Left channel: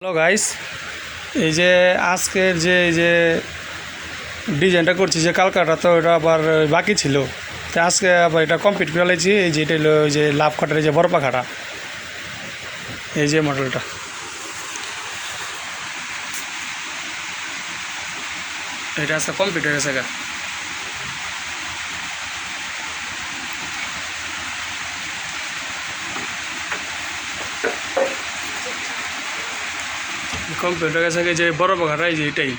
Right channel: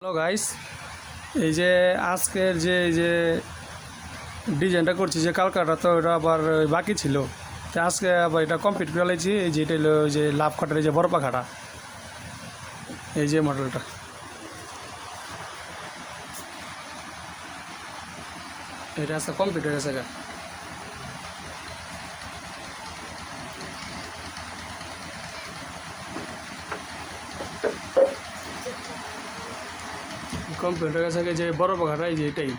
Hello guys, এই যে আজকের যে ডিজাইনটা করছি যে কালকাটা, তো এটা আবার বাকি ছিল। তো আজকে আবার এটা কমপ্লিট করে ফেলেছি। এই যে এটা হলো ওই যে লাভ কাটার এই যে বড় পাখাটা, এই যে মডেলটা, এটা আজকে কমপ্লিট হয়ে গেছে। কমপ্লিট হয়ে গেছে যে বড় পাখাটা, এই যে এটাই।